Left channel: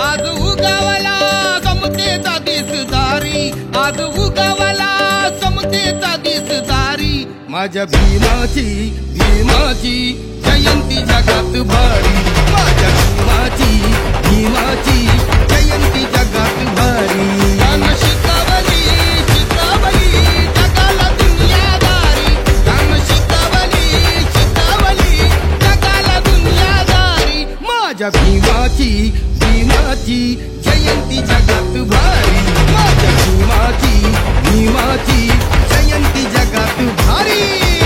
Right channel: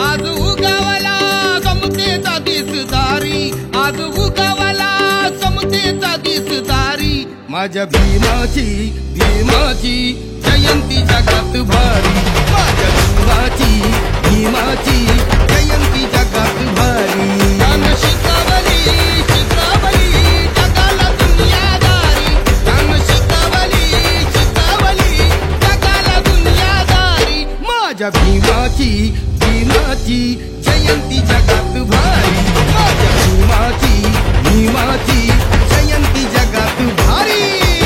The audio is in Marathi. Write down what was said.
आज उगावला समतेचा दिसदारी, आज उगावला समतेचा दिसदारी। माझ्या भीमाची भीमाची जयंती जगात भारी, माझ्या भीमाची जयंती जगात भारी। तान शिकवली शिकवली जगाला दुनियादारी, तान शिकवली जगाला दुनियादारी। माझ्या भीमाची जयंती जगात भारी, माझ्या भीमाची जयंती जगात भारी।